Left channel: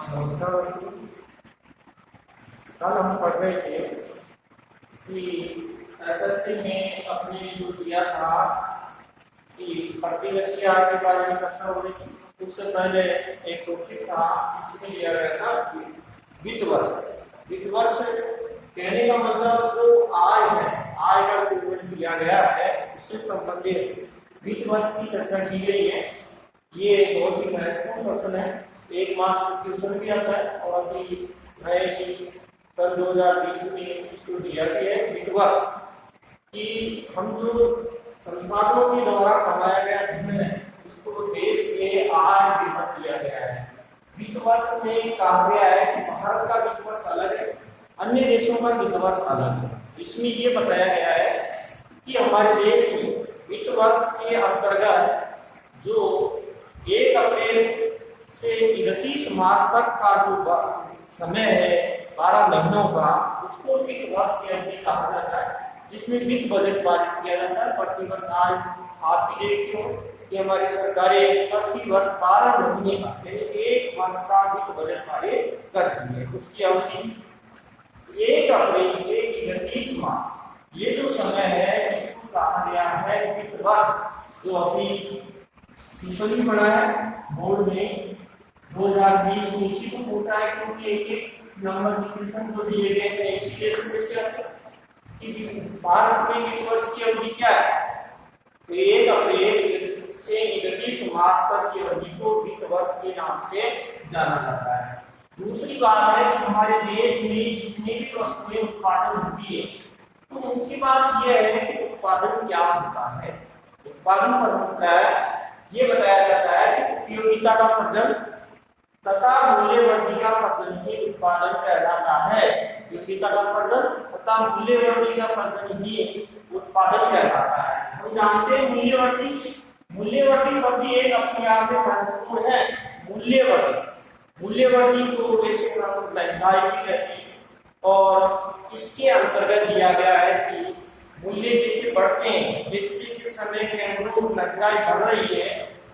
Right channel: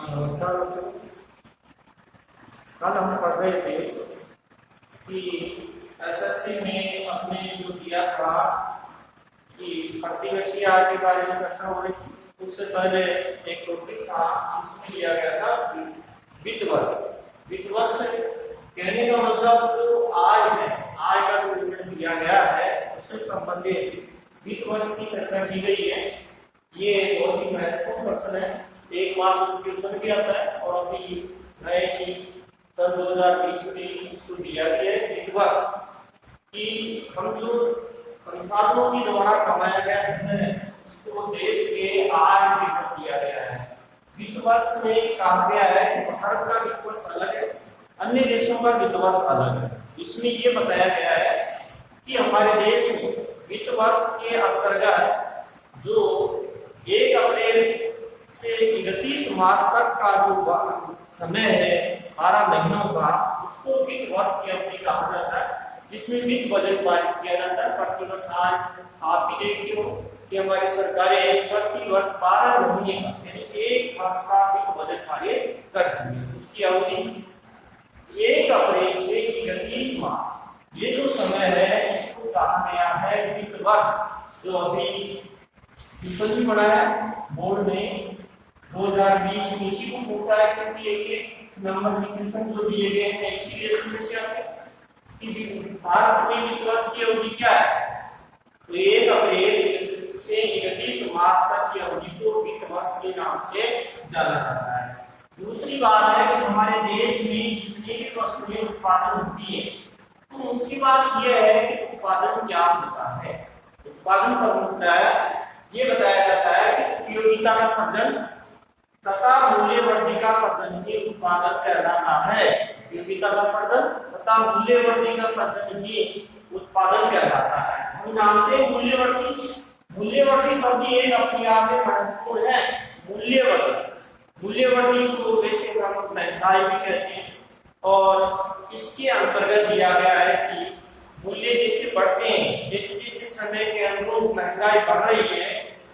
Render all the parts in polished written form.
नमस्कार दोस्तों। कल हम पढ़ रहे थे कि एसएसटी ने अपने जो दिया था कि प्रतिवर्षीय आय के बारे में चर्चा हो रही थी। उससे पहले एक टॉपिक था, इसमें दिया गया था वित्त वर्ष। वित्त वर्ष कहने का मतलब जो आय है, आय का विवरण दिया गया है, उससे संबंधित वित्त वर्ष की चर्चा की गई है। ये बहुत ही महत्वपूर्ण प्रश्न है, 1 मार्क्स क्वेश्चन भी आता है और अभी नए सन 2020 में इसको दिया गया है वित्त वर्ष कि हम जो संसाधनों के द्वारा कमाया गया धन है उसको देश के आय विभाग दिया गया है। वित्त वर्ष में कहा गया है कि भारत का वित्त वर्ष अलग है, अन्य देशों का वित्त वर्ष अलग है। इसमें ये बताया गया है कि हमारे देश में वित्त वर्ष के अंतर्गत जो 1 अप्रैल से 31 मार्च तक का जो समय है 12 महीनों का, उसको वित्त वर्ष की अवधि कहा जाता है, जिसमें वित्त बजट पारित किया जाता है। प्रति वर्ष आज आप भी देखते हो कि हमारी सरकारें प्रति वर्ष 12 महीने का यानी 1 वर्ष का वित्त बजट पारित करती है। उसकी अवधि 1 अप्रैल से 31 मार्च, ये जो समय है इसको कहा गया है वित्त वर्ष। जो अभी क्वेश्चन भी बनाया बोर्ड में 2020 में इसी को पूछा है, क्योंकि एक नंबर के क्वेश्चन जो दिए गए हैं इसीलिए इसमें से आपको कि भारत के वित्त वर्ष की अवधि क्या है, तो 1 अप्रैल से 31 मार्च तक की अवधि को वित्त वर्ष के नाम से जाना जाता है। दूसरी बात है कि हमारे देश में जितनी भी वस्तुएं उत्पादन होती है तो उनकी बात यह है कि उत्पादन क्या होता है। उत्पादन पर होता है ये बताया जाता है कि उपयोगिता का सृजन तथा मूल्यवृद्धि का सृजन ही उत्पादन कहलाता है। उपयोगिता का सृजन तथा मूल्यवृद्धि का सृजन ही उत्पादन कहलाता है। हम जानते हैं मूल्यवृद्धि शब्द एक अपने आप में महत्वपूर्ण है। मूल्यवृद्धि को वैसे हम महंगाई भी कहते हैं और इसके अंतर्गत दिया गया है कि मूल्य जैसे बढ़ते हैं, जैसे समय के अनुरूप महंगाई बढ़ रही है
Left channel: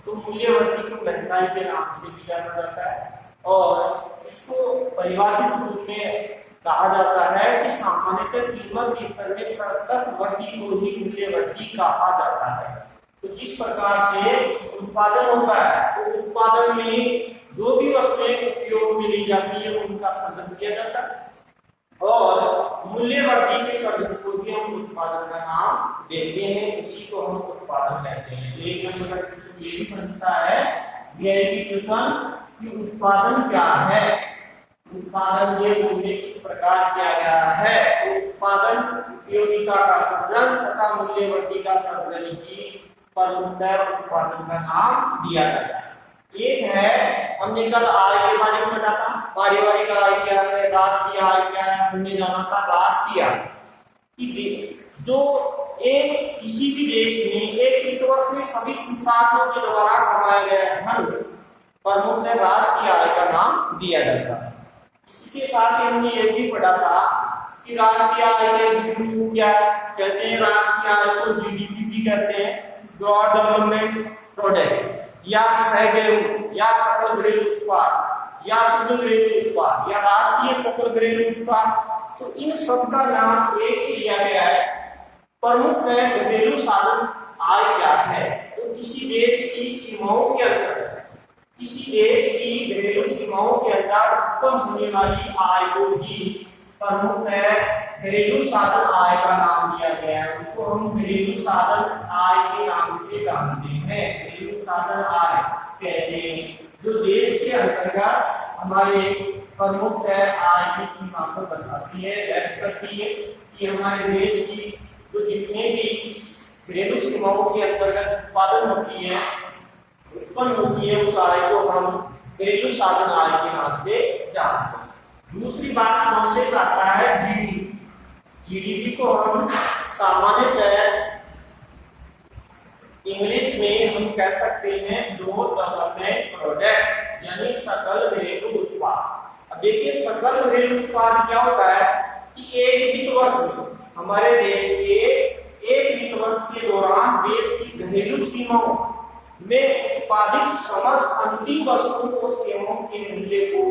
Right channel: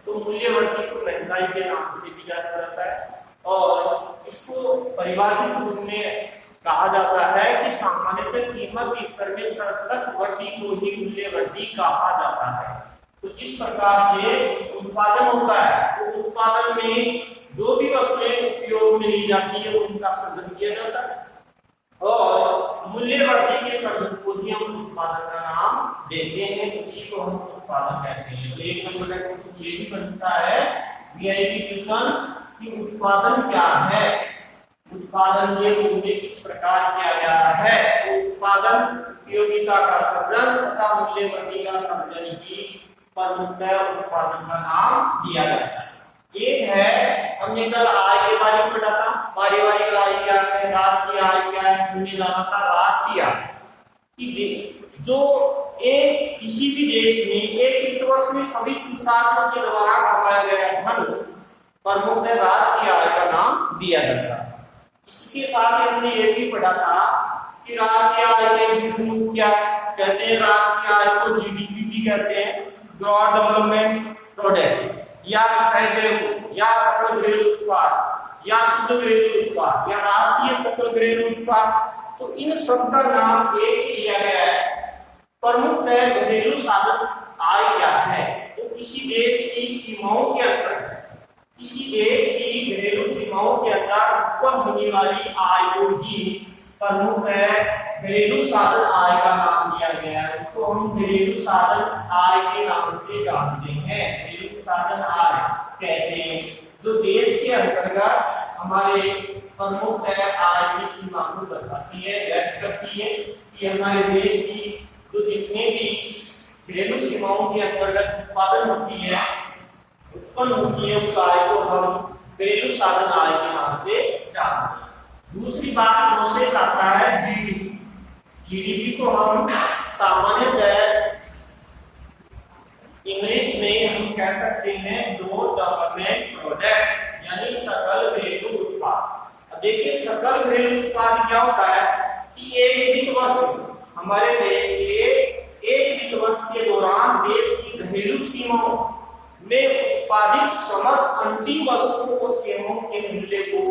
तो मूल्यवृद्धि को महंगाई के नाम से भी जाना जाता है। और इसको परिभाषित रूप में कहा जाता है कि सामान्यतः कीमत के स्तर में सतत वृद्धि को ही मूल्यवृद्धि कहा जाता है। तो जिस प्रकार से उत्पादन होता है तो उत्पादन में जो भी वस्तुएं उपयोग में ली जाती है उनका सृजन किया जाता है और मूल्यवृद्धि के सृजन को ही हम उत्पादन का नाम देते हैं, उसी को हम उत्पादन कहते हैं। एक नंबर का क्वेश्चन ये भी बनता है वीआईपी क्वेश्चन कि उत्पादन क्या है। उत्पादन ये बोलने किस प्रकार किया गया है, उत्पादन उपयोगिता का सृजन तथा मूल्यवृद्धि का सृजन ही प्रमुखतः उत्पादन का नाम दिया जाता है। एक है हमने कल आय के बारे में पढ़ा था, पारिवारिक आय क्या है, राष्ट्रीय आय क्या है, हमने जाना था राष्ट्रीय आय। जो एक किसी भी देश में एक वित्त वर्ष में सभी संसाधनों के द्वारा कमाया गया धन प्रमुख राष्ट्रीय आय का नाम दिया जाता है। इसके साथ ही हमने ये भी पढ़ा था कि राष्ट्रीय आय के विभिन्न क्या कहते हैं। राष्ट्रीय आय को जीडीपी भी कहते हैं, ग्रॉस डेवलपमेंट प्रोडक्ट, या या सकल घरेलू उत्पाद, या शुद्ध घरेलू उत्पाद, या राष्ट्रीय सकल घरेलू उत्पाद। तो इन सब का नाम एक दिया गया है। प्रमुख घरेलू साधन आय क्या है, तो किसी देश की सीमाओं के अंदर, किसी देश की घरेलू सीमाओं के अंदर उत्पन्न होने वाली आय को ही प्रमुख घरेलू साधन आय का नाम दिया गया है। उसको हम घरेलू साधन आय के नाम से जानते हैं, घरेलू साधन आय कहते हैं, जो देश के अंतर्गत हमारे प्रमुख आय की सीमा को बताती है, व्यक्त करती है कि हमारे देश की जो जितने भी घरेलू सीमाओं के अंतर्गत उत्पादन होती है, उत्पन्न होती है, उस आय को हम घरेलू साधन आय के नाम से जानते हैं। दूसरी बात प्रोसेस आता है जीडीपी। जीडीपी को हम सामान्यतः इंग्लिश में हम कह सकते हैं ग्रोथ डेवलपमेंट प्रोडक्ट, यानी सकल घरेलू उत्पाद। अब देखिए सकल घरेलू उत्पाद क्या होता है कि एक वित्त वर्ष हमारे देश के एक वित्त वर्ष के दौरान देश की घरेलू सीमाओं में उत्पादित समस्त अंतिम वस्तुओं को सेवाओं के मूल्य को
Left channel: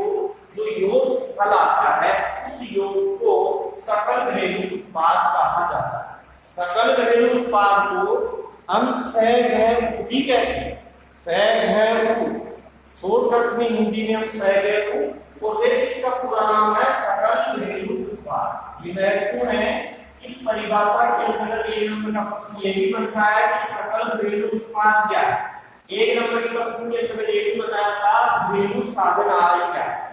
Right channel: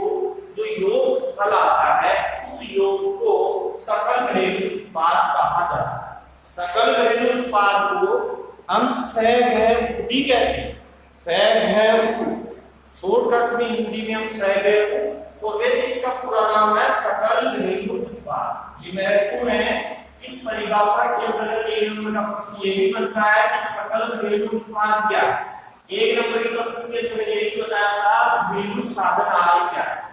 सैग है वो भी कहते हैं, सैग है वो, शॉर्टकट में हिंदी में हम सैग है वो, और वैसे इसका पूरा नाम है सकल घरेलू उत्पाद। ये महत्वपूर्ण है, इस परिभाषा के अंतर्गत एक नंबर का प्रश्न ये भी बनता है कि सकल घरेलू उत्पाद क्या है। एक नंबर के प्रश्न के अंतर्गत ये भी बताया था घरेलू साधन आय क्या है।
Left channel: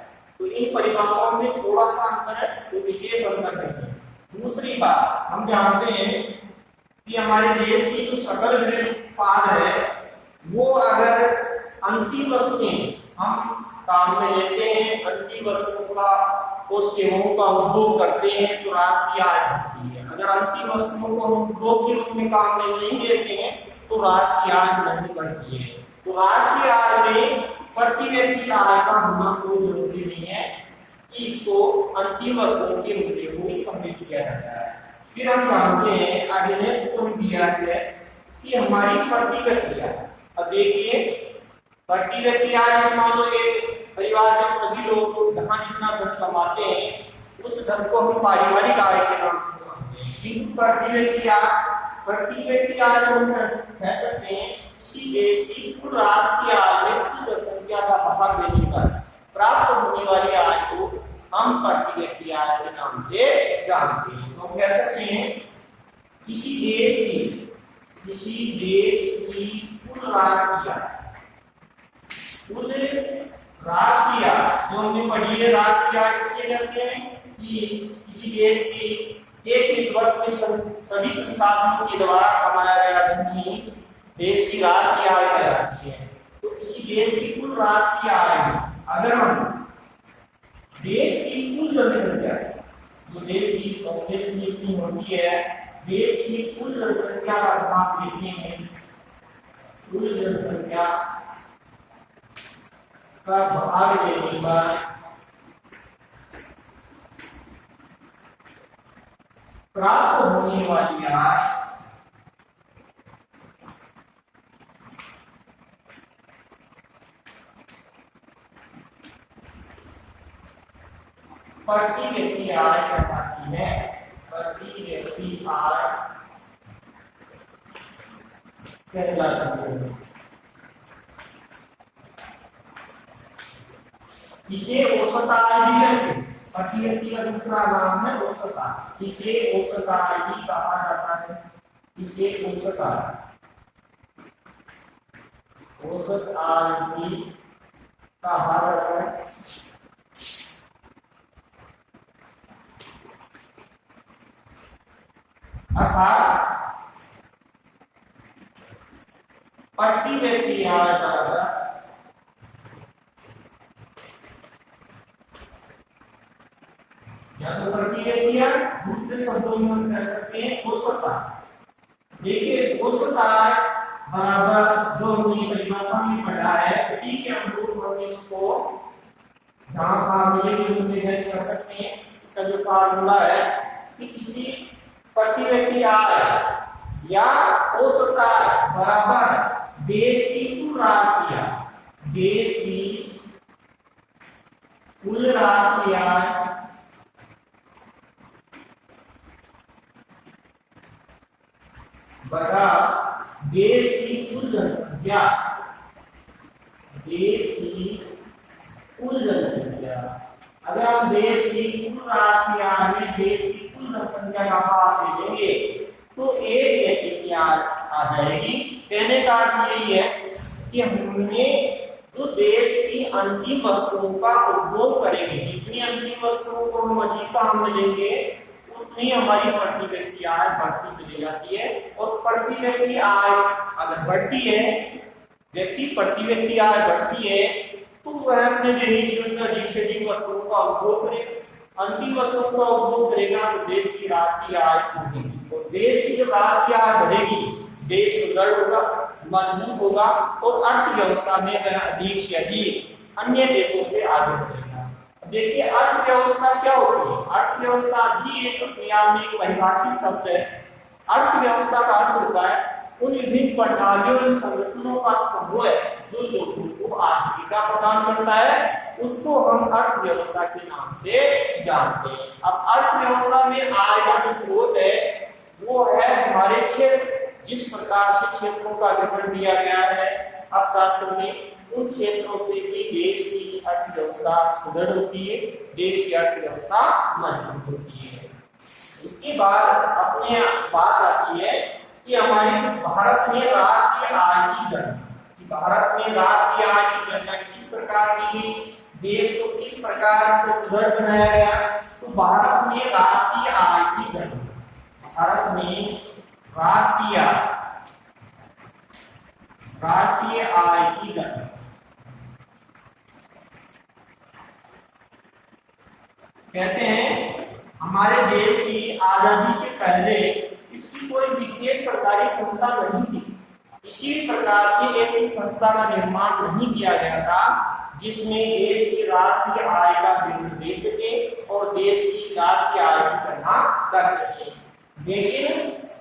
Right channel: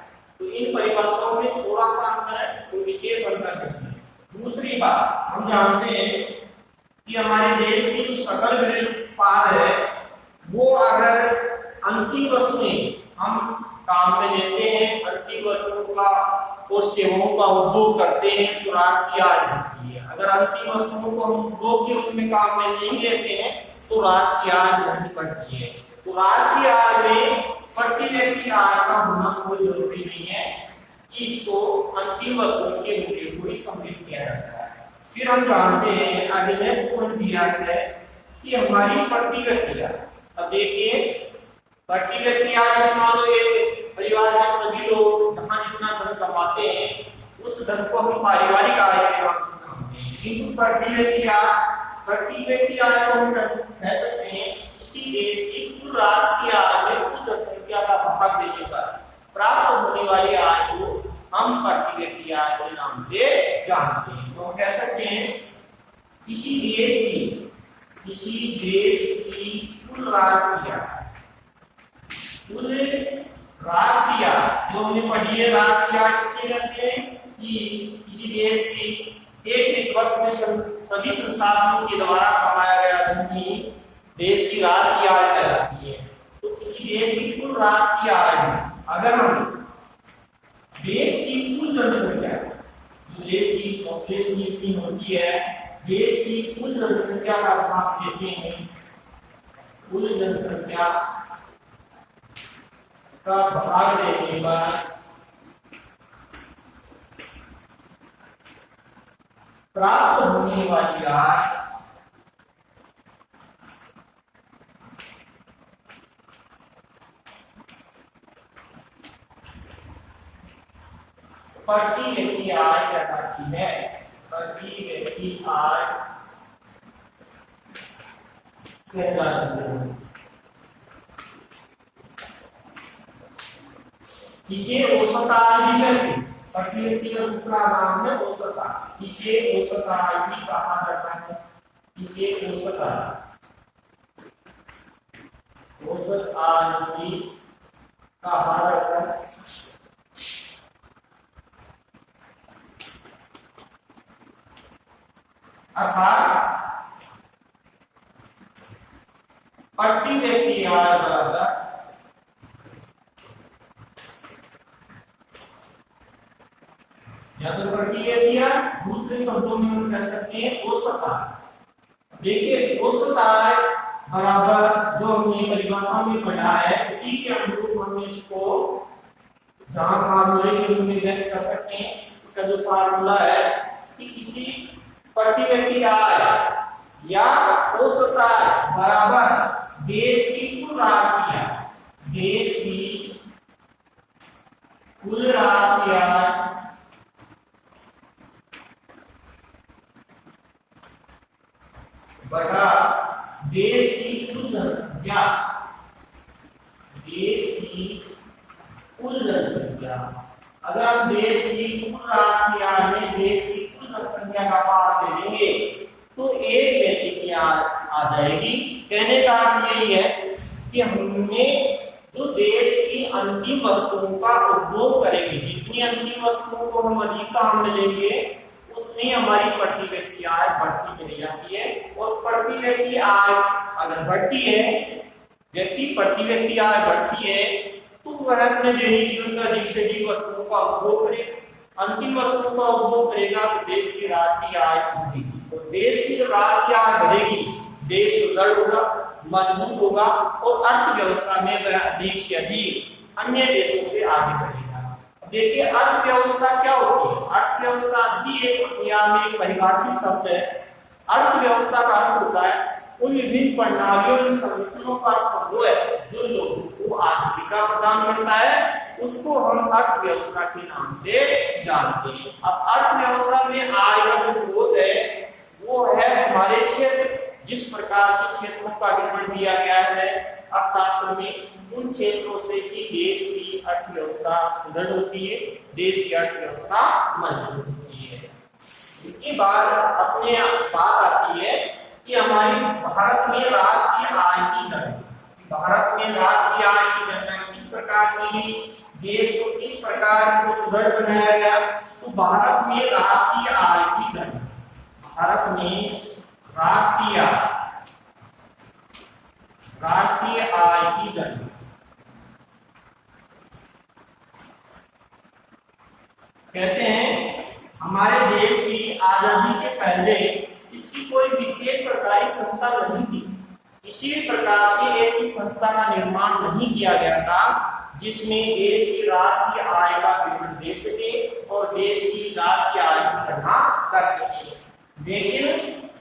तो इन परिभाषाओं में थोड़ा सा अंतर है, तो विशेष अंतर है। दूसरी बात, हम जानते हैं कि हमारे देश की जो सकल घरेलू उत्पाद है वो अगर अंतिम वस्तुएं हम काम में लेते हैं, अंतिम वस्तुओं का और सेवाओं का उपभोग करते हैं तो राष्ट्रीय आय बढ़ती है। अगर अंतिम वस्तुओं को हम उपभोग के रूप में काम में नहीं लेते हैं तो राष्ट्रीय आय नहीं बढ़ती है। तो राष्ट्रीय आय में प्रति व्यक्ति का आय का होना कोई जरूरी नहीं है, इसको अंतिम वस्तुओं के मूल्य को ही सम्मिलित किया जाता है। फिर हम जानते हैं आगे नेक्स्ट पॉइंट दिया है कि हमारी प्रति व्यक्ति आय। अब देखिए प्रति व्यक्ति आय मान लो ये परिवार में सभी लोग जहां जितना धन कमाते हैं उस धन को हम पारिवारिक आय के नाम से कमाते हैं, किंतु प्रति व्यक्ति आय को हम कह सकते हैं किसी देश की कुल राष्ट्रीय आय में कुल जनसंख्या का भाग देने पर प्राप्त होने वाली आय को हम प्रति व्यक्ति आय के नाम से जानते हैं। तो हम कह सकते हैं किसी देश की कुल राष्ट्रीय जो हमने पढ़ी है राष्ट्रीय आय किसे कहते हैं कि किसी देश की एक वर्ष में सभी संसाधनों के द्वारा कमाया गया धन ही देश की राष्ट्रीय आय कहलाती है। तो किसी देश की कुल राष्ट्रीय आय में अगर हम देश की कुल जनसंख्या, जो देश की पॉपुलेशन जितनी होती है, देश की कुल जनसंख्या का भाग देते हैं, कुल जनसंख्या का भाग देने पर प्राप्त होने वाली आय प्रति व्यक्ति आय कहलाती है। प्रति व्यक्ति आय कहलाती है। इसे औसत आय भी कहते हैं। प्रति व्यक्ति का दूसरा नाम है औसत आय। इसे औसत आय भी कहा जाता है। इसे औसत आय भी कहा जाता है। अर्थात प्रति व्यक्ति आय बराबर या तो प्रति व्यक्ति आय, दूसरे शब्दों में हम कह सकते हैं औसत आय। देखिए औसत आय बराबर जो हमने परिभाषा में पढ़ा है उसी के अनुरूप हम इसको जहां फार्मूले के रूप में व्यक्त कर सकते हैं। इसका जो फार्मूला है कि किसी प्रति व्यक्ति आय या औसत आय बराबर देश की कुल राष्ट्रीय आय, देश की कुल राष्ट्रीय आय बटा देश की कुल जनसंख्या, देश की कुल जनसंख्या। अगर हम देश की कुल राष्ट्रीय आय में देश की कुल जनसंख्या का भाग दे देंगे तो एक व्यक्ति की आय आ जाएगी। कहने का अर्थ यही है कि हमने जो देश की अंतिम वस्तुओं का उपभोग करेंगे, जितनी अंतिम वस्तुओं को हम अधिक काम में लेंगे उतनी हमारी प्रति व्यक्ति आय बढ़ती चली जाती है। और प्रति व्यक्ति आय अगर बढ़ती है, प्रति व्यक्ति आय बढ़ती है तो वह अपने अधिक से अधिक वस्तुओं का उपभोग करेगा। अंतिम वस्तुओं का उपभोग करेगा तो देश की राष्ट्रीय आय बढ़ेगी और देश की जो राष्ट्रीय आय बढ़ेगी देश सुदृढ़ होगा, मजबूत होगा और अर्थव्यवस्था में वह अधिक से अधिक अन्य देशों से आगे बढ़ेगा। देखिए अर्थव्यवस्था क्या होती है? अर्थव्यवस्था भी एक अपने आप में परिभाषित शब्द है। अर्थव्यवस्था का अर्थ होता है उन विभिन्न प्रणालियों और संगठनों का समूह जो लोगों को आजीविका प्रदान करता है, उसको हम अर्थव्यवस्था के नाम से जानते हैं। अब अर्थव्यवस्था में आय का जो स्रोत है वो है हमारे क्षेत्र, जिस प्रकार से क्षेत्रों का विवरण दिया गया है अर्थशास्त्र में, उन क्षेत्रों से ही देश की अर्थव्यवस्था सुदृढ़ होती है, देश की अर्थव्यवस्था मजबूत होती है। इसके बाद अपने बात आती है कि हमारे भारत में राष्ट्रीय आय की गणना, भारत में राष्ट्रीय आय की गणना किस प्रकार की गई, देश को किस प्रकार इसको सुदृढ़ बनाया गया। तो भारत में राष्ट्रीय आय की गणना, भारत में राष्ट्रीय आय की गणना कहते हैं हमारे देश की आजादी से पहले इसकी कोई विशेष सरकारी संस्था नहीं थी। इसी प्रकार से ऐसी संस्था का निर्माण नहीं किया गया था जिसमें देश की राष्ट्रीय आय का विवरण दे सके और देश की राष्ट्रीय आय की गणना कर सके। लेकिन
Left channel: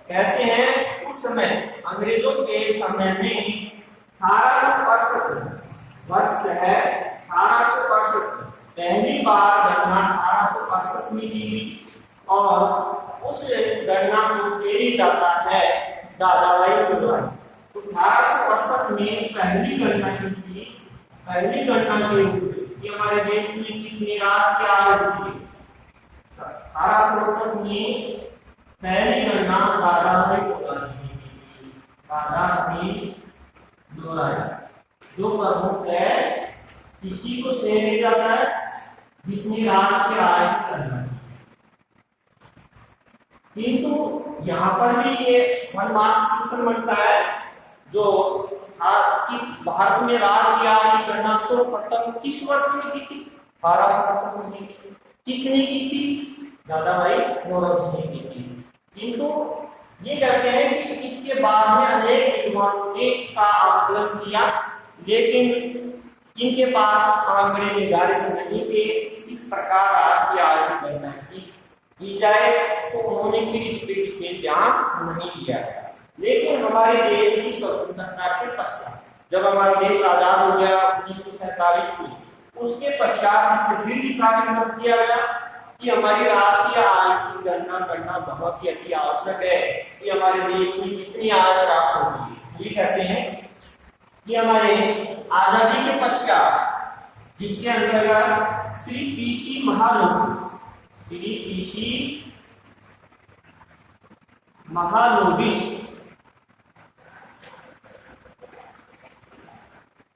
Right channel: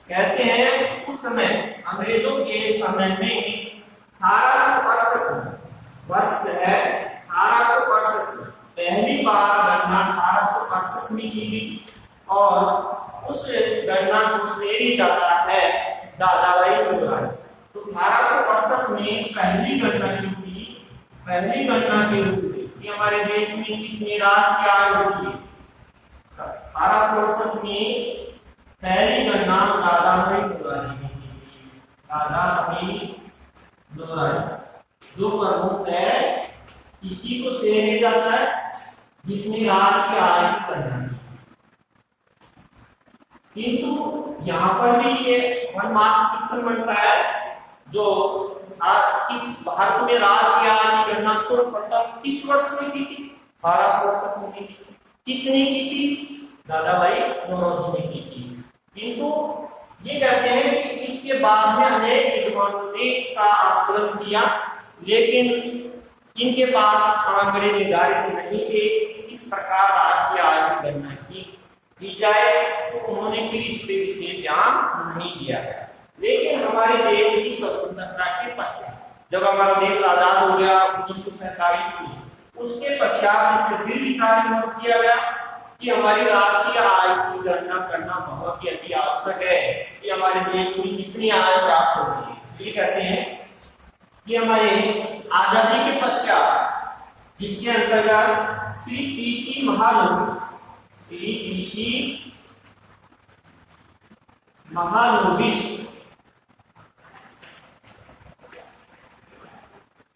कहते हैं उस समय अंग्रेजों के समय में 1865 वर्ष है, 1865 पहली बार गणना 1865 में की गई और उस गणना को श्रेय जाता है दादाभाई नौरोजी। तो 1868 में पहली गणना की थी, पहली गणना के रूप में कि हमारे देश में कितनी राष्ट्रीय आय होती है। 1868 में पहली गणना दादाभाई नौरोजी ने की थी, दादाभाई नौरोजी जो प्रमुख है, इसी को श्रेय जाता है जिसने राष्ट्रीय आय की गणना की। किंतु यहाँ पर भी ये वन मार्क्स क्वेश्चन बनता है जो भारत में राष्ट्रीय आय की गणना सर्वप्रथम किस वर्ष में की थी, 1868 में की थी। किसने की थी, दादाभाई नौरोजी ने की थी। किंतु ये कहते हैं कि इसके बाद में अनेक विद्वानों ने इसका आकलन किया, लेकिन इनके पास आंकड़े निर्धारित नहीं थे इस प्रकार राष्ट्रीय आय की गणना की जाए, तो उन्होंने फिर इस पे विशेष ध्यान नहीं दिया है। लेकिन हमारे देश की स्वतंत्रता के पश्चात, जब हमारा देश आजाद हो गया 1947 में, उसके पश्चात इस पर फिर विचार विमर्श किया गया कि हमारी राष्ट्रीय आय की गणना करना बहुत ही अति आवश्यक है कि हमारे देश में कितनी आय प्राप्त होगी है। ये कहते हैं कि हमारे आजादी के पश्चात, जिसके अंतर्गत श्री पीसी महालनोबिस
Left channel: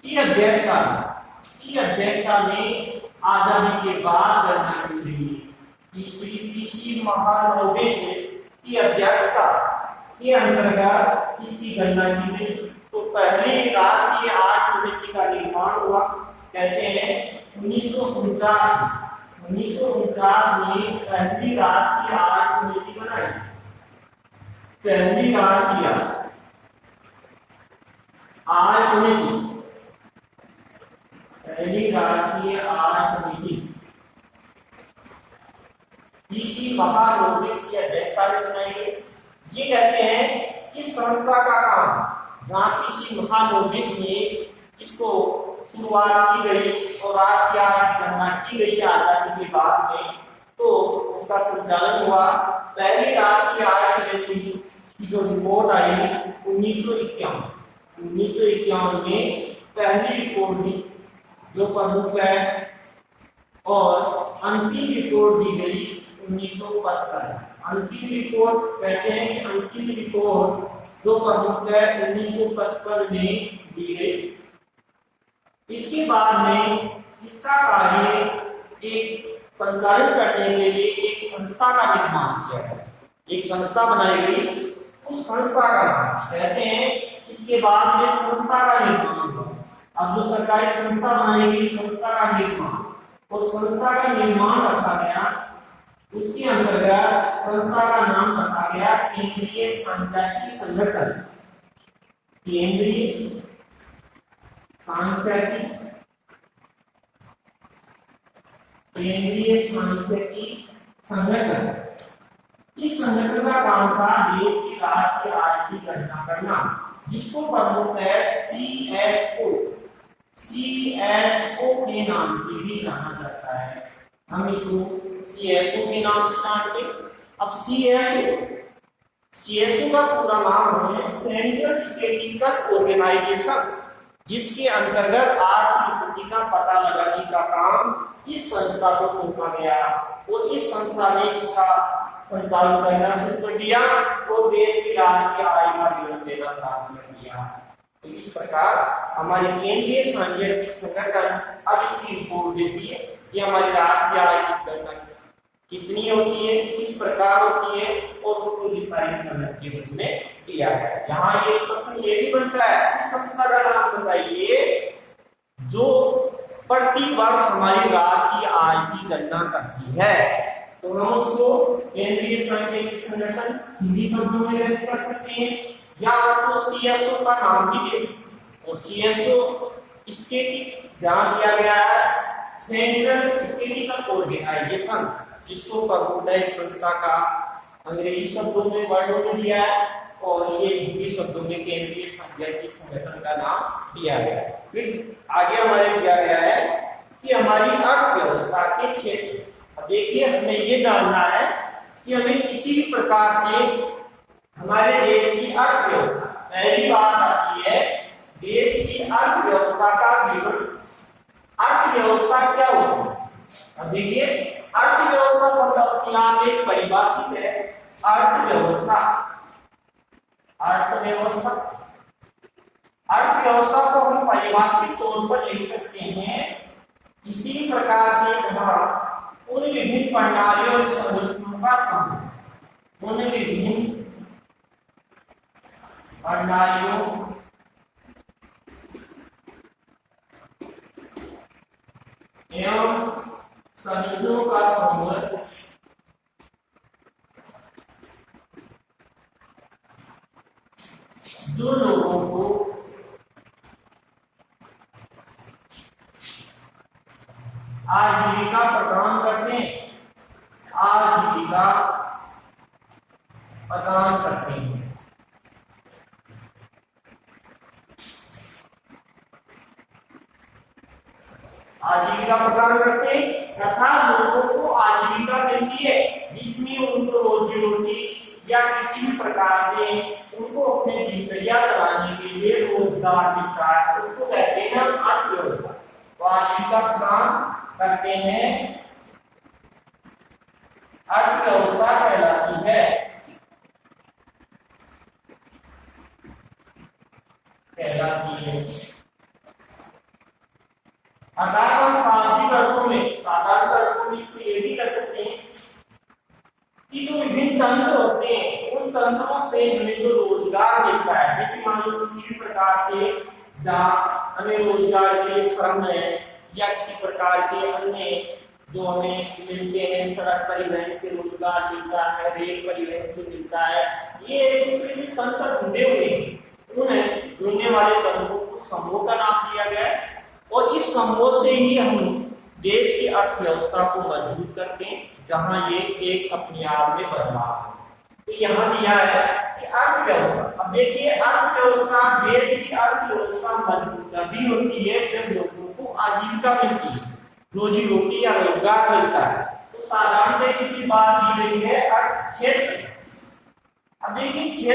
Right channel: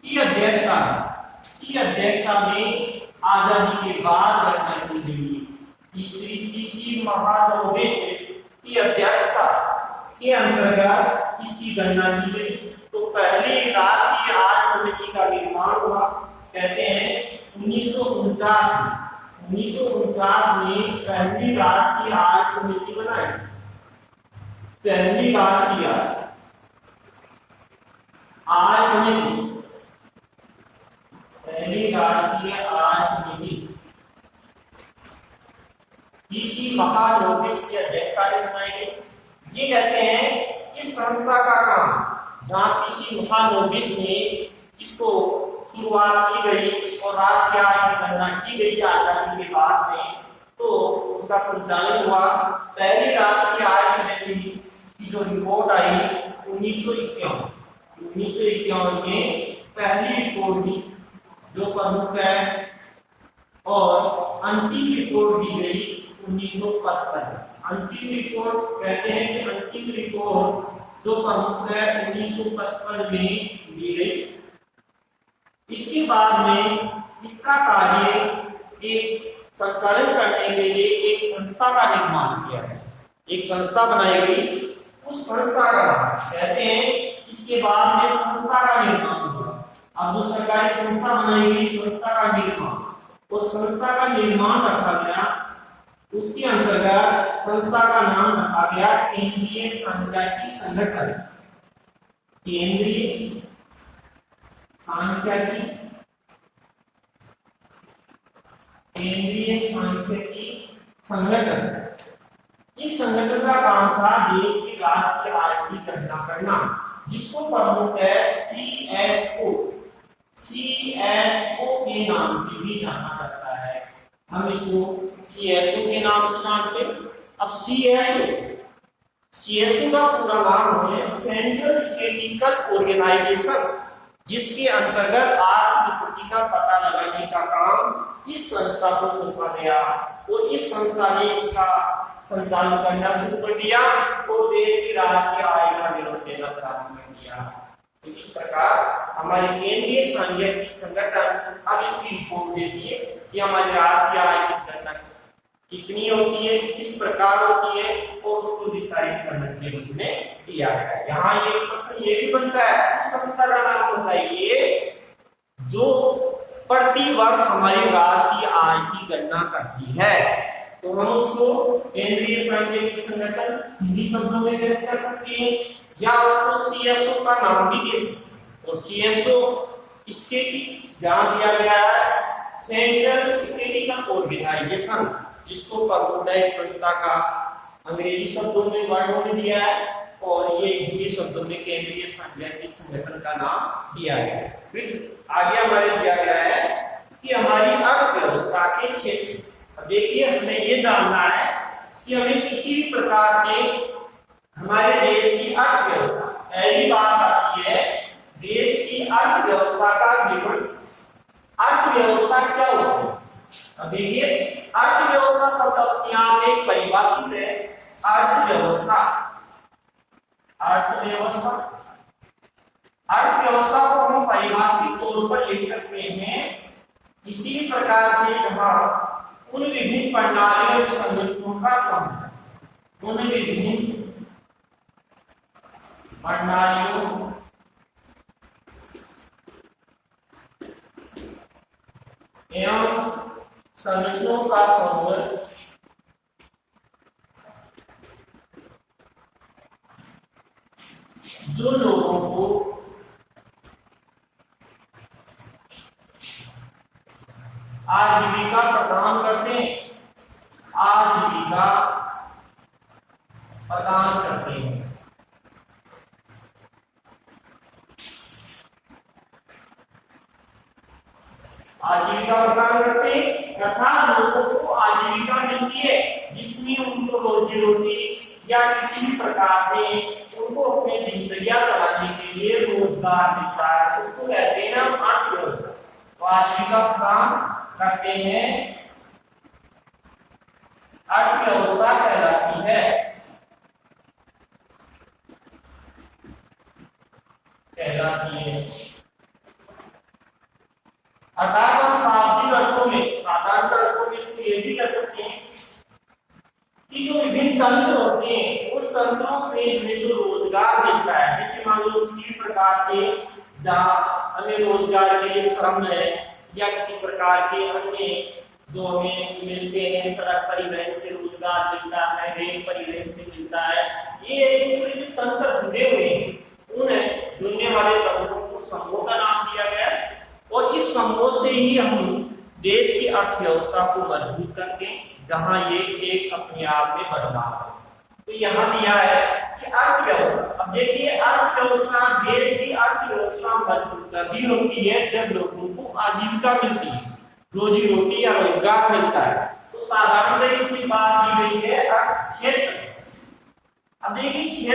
की अध्यक्षता में आजादी के बाद गणना की गई। श्री पीसी महालनोबिस की अध्यक्षता के अंतर्गत इसकी गणना की गई। तो पहली राष्ट्रीय आय समिति का निर्माण हुआ, कहते हैं 1949 में पहली राष्ट्रीय आय समिति बनाई। पहली राष्ट्रीय आय समिति, पहली राष्ट्रीय आय समिति पीसी महालनोबिस की अध्यक्षता में बनाई गई। ये कहते हैं इस संस्था का काम, जहाँ पीसी महालनोबिस ने इसको शुरुआत की गई और राष्ट्रीय आय की गणना की गई आजादी के बाद में, तो उसका संचालन हुआ। पहली राष्ट्रीय आय समिति की जो रिपोर्ट आई 1951 में पहली रिपोर्ट दी जो प्रमुख है, और अंतिम रिपोर्ट दी गई 1955। अंतिम रिपोर्ट कहते हैं कि अंतिम रिपोर्ट जो प्रमुख है 1955 में दी गई। इसके बाद में इसका कार्य एक संचालन करने के लिए एक संस्था का निर्माण किया गया, एक संस्था बनाई गई। उस संस्था का नाम कहते हैं, इसके बाद में संस्था का निर्माण हुआ। अब जो सरकारी संस्था बनाई गई, संस्था का निर्माण, और संस्था का निर्माण रखा गया, उसके अंतर्गत संस्था का नाम रखा गया केंद्रीय सांख्यिकी संगठन। केंद्रीय सांख्यिकी संगठन। इस संगठन का काम था देश की राष्ट्रीय आय की गणना करना, जिसको प्रमुख है सीएसओ के नाम से भी जाना जाता है। हम इसको सीएसओ के नाम से जानते हैं। अब सीएसओ का पूरा नाम है सेंट्रल स्टैटिस्टिकल ऑर्गेनाइजेशन, जिसके अंतर्गत आर्थिक स्थिति का पता लगाने का काम इस संस्था को सौंपा गया और इस संस्था ने इसका संचालन करना शुरू कर दिया और देश की राष्ट्रीय आय का विवरण देना प्रारंभ कर दिया। तो इस प्रकार हमारे केंद्रीय सांख्यिकी संगठन अब इसकी रिपोर्ट देती है कि हमारी राष्ट्रीय आय की गणना कितनी होती है, किस प्रकार होती है और उसको विस्तारित करने के रूप में किया गया है। यहाँ ये प्रश्न ये भी बनता है, संस्था का नाम बताइए जो प्रति वर्ष हमारी राष्ट्रीय आय की गणना करती है। तो हम उसको केंद्रीय सांख्यिकी संगठन हिंदी शब्दों में व्यक्त कर सकते हैं या उसको सीएसओ का नाम भी दे सकते हैं। और सीएसओ स्टैटिक जहां दिया गया है सेंट्रल स्टैटिस्टिकल ऑर्गेनाइजेशन, जिसको प्रबंधन संस्था का अंग्रेजी शब्दों में वर्णों में दिया है और ये हिंदी शब्दों में केंद्रीय सांख्यिकी संगठन का नाम दिया गया है। फिर आगे हमारे दिया गया है कि हमारी अर्थव्यवस्था के क्षेत्र, अब देखिए हमें ये जानना है कि हमें किसी भी प्रकार से हमारे देश की अर्थव्यवस्था, पहली बात आती है देश की अर्थव्यवस्था का विवरण। अर्थव्यवस्था क्या होती है? अब देखिए अर्थव्यवस्था शब्द अपने आप में परिभाषित है। अर्थव्यवस्था अर्थव्यवस्था अर्थव्यवस्था को हम परिभाषित तौर पर लिख सकते हैं किसी प्रकार से वहां उन विभिन्न प्रणालियों और संगठनों का समूह, उन विभिन्न प्रणालियों एवं संगठनों का समूह जो लोगों को आजीविका प्रदान करते हैं, आजीविका प्रदान करते हैं। आजीविका प्रदान करते हैं अर्थात लोगों को आजीविका मिलती है जिसमें उनको रोजी रोटी या किसी भी प्रकार से उनको अपने दिनचर्या चलाने के लिए रोजगार मिलता है, उसको कहते हैं हम अर्थव्यवस्था। तो आजीविका प्रदान करते हैं अर्थव्यवस्था कहलाती है। अर्थात हम शाब्दिक अर्थों में, साधारण अर्थों में इसको ये भी कर सकते हैं कि जो विभिन्न तंत्र होते हैं उन तंत्रों से हमें जो रोजगार मिलता है, जैसे मान लो किसी भी प्रकार से जहाँ हमें रोजगार के लिए श्रम है या किसी प्रकार के अन्य जो हमें मिलते हैं, सड़क परिवहन से रोजगार मिलता है, रेल परिवहन से मिलता है, ये एक दूसरे से तंत्र जुड़े हुए हैं। उन जुड़ने वाले तंत्रों को समूह का नाम दिया गया है और इस समूह से ही हम देश की अर्थव्यवस्था को मजबूत करते हैं, जहां ये एक अपने आप में बदलाव है। तो यहाँ दिया है कि अर्थव्यवस्था, अब देखिए अर्थव्यवस्था, देश की अर्थव्यवस्था मजबूत तभी होती है जब लोगों को आजीविका मिलती है, रोजी रोटी या रोजगार मिलता है। तो साधारणतः इसकी बात दी गई है अर्थ क्षेत्र। अब देखिए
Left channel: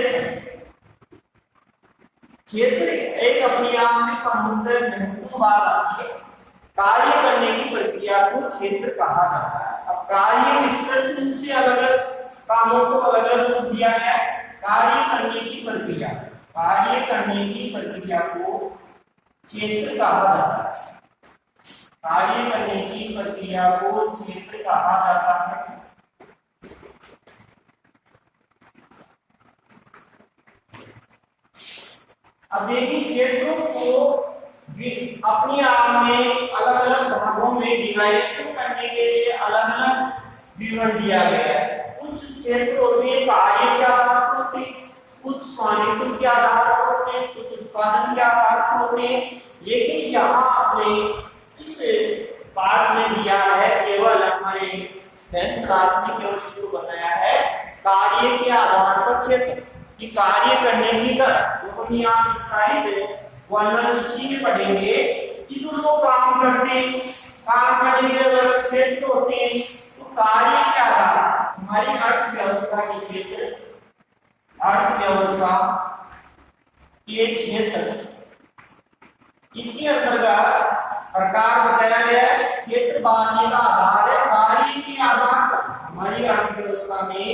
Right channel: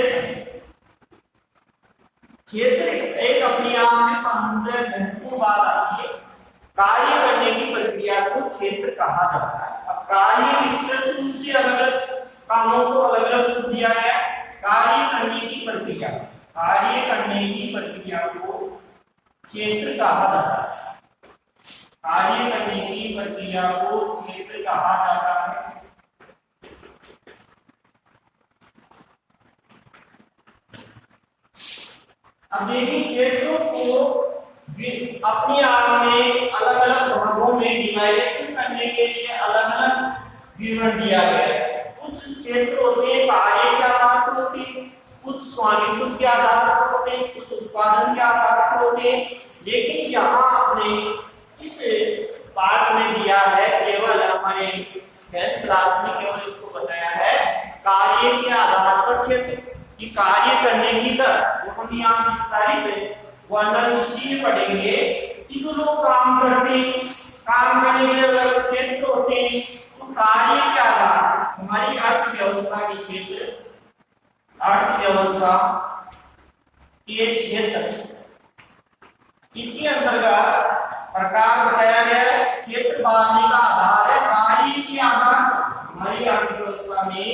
क्षेत्र एक अपने आप में महत्वपूर्ण बात आती है। कार्य करने की प्रक्रिया को क्षेत्र कहा जाता है। अब कार्य विस्तृत रूप से अलग अलग कामों को अलग अलग रूप दिया गया है। कार्य करने की प्रक्रिया को क्षेत्र कहा जाता है। कार्य करने की प्रक्रिया को क्षेत्र कहा जाता है। अब देखिए क्षेत्रों को अपने आप में अलग अलग भागों में डिवाइडेशन करने के लिए अलग अलग विवरण दिया गया है। कुछ क्षेत्र होते हैं कार्य के आधार पर होते हैं, कुछ स्वामित्व के आधार पर होते हैं, कुछ उत्पादन के आधार पर होते हैं। लेकिन यहाँ आपने इस पाठ में दिया है, केवल हमारे 10th क्लास में केवल इसको बताया है कार्य के आधार पर क्षेत्र कि कार्य करने की दर, वो हम यहाँ विस्तारित वर्णन इसी में पढ़ेंगे कि जो लोग काम करते हैं, काम करने के अलग क्षेत्र होते हैं। तो कार्य के आधार हमारी अर्थव्यवस्था के क्षेत्र अर्थव्यवस्था के क्षेत्र, इसके अंतर्गत प्रकार बताया गया है। क्षेत्र बांटने का आधार है कार्य के आधार पर। हमारी अर्थव्यवस्था में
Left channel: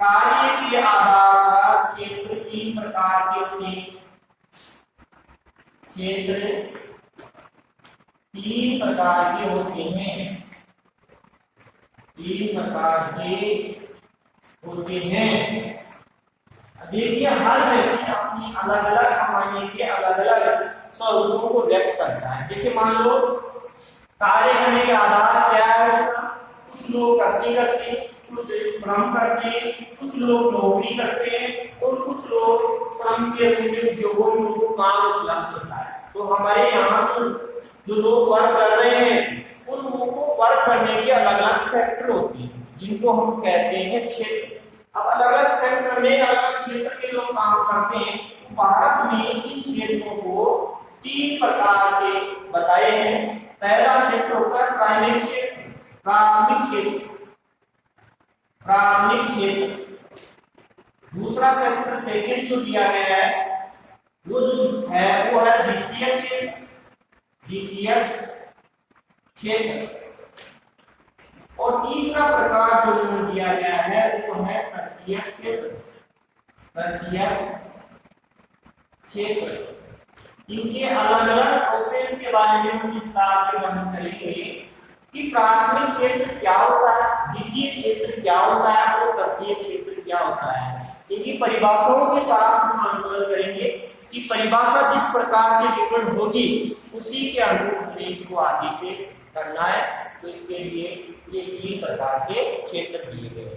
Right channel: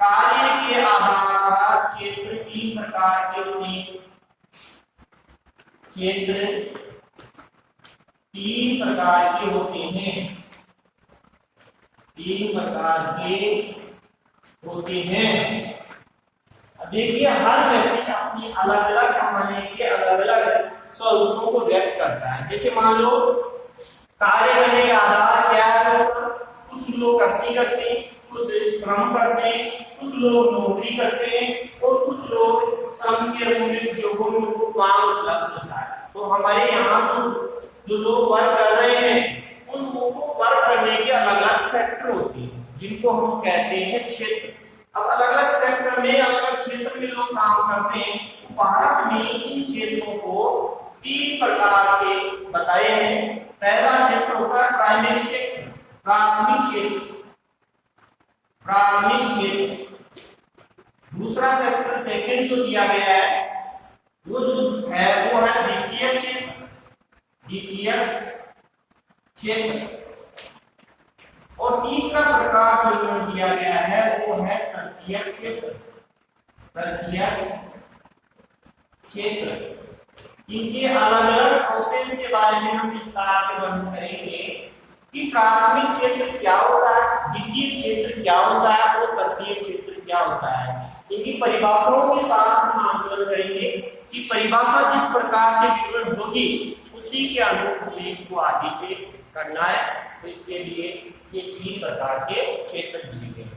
कार्य के आधार पर क्षेत्र 3 प्रकार के होते हैं। क्षेत्र 3 प्रकार के होते हैं। 3 प्रकार के होते हैं। देखिए हर व्यक्ति अपनी अलग अलग कमाने के अलग अलग स्वरूपों को व्यक्त करता है। जैसे मान लो कार्य करने का आधार क्या है, कुछ लोग कृषि करते हैं, कुछ श्रम करते हैं, कुछ लोग नौकरी करते हैं और कुछ लोग श्रम के मूल्य उद्योगों में उनको काम उपलब्ध होता है। तो हमारे यहाँ जो लोग वर्क कर रहे हैं उन लोगों को वर्क करने के अलग अलग सेक्टर होते हैं जिनको हम कहते हैं क्षेत्र। अब अलग अलग सेक्टर में अलग अलग क्षेत्र के लोग काम करते हैं। भारत में इन क्षेत्रों को 3 प्रकार के बताए हैं। पहला क्षेत्र होता है प्राइमरी क्षेत्र, प्राथमिक क्षेत्र, प्राथमिक क्षेत्र। दूसरा सेक्टर सेकंड जो दिया गया है वो जो है वो है द्वितीय क्षेत्र, द्वितीय क्षेत्र। और तीसरा प्रकार जो दिया गया है वो है तृतीय क्षेत्र, तृतीय क्षेत्र। इनके अलग अलग प्रोसेस के बारे में हम विस्तार से वर्णन करेंगे कि प्राथमिक क्षेत्र क्या होता है, द्वितीय क्षेत्र क्या होता है और तृतीय क्षेत्र क्या होता है। इनकी परिभाषाओं के साथ हम आंदोलन करेंगे कि परिभाषा जिस प्रकार से विवरण होगी उसी के अनुरूप हमें इसको आगे से करना है। तो इसके लिए ये 3 प्रकार के क्षेत्र दिए गए।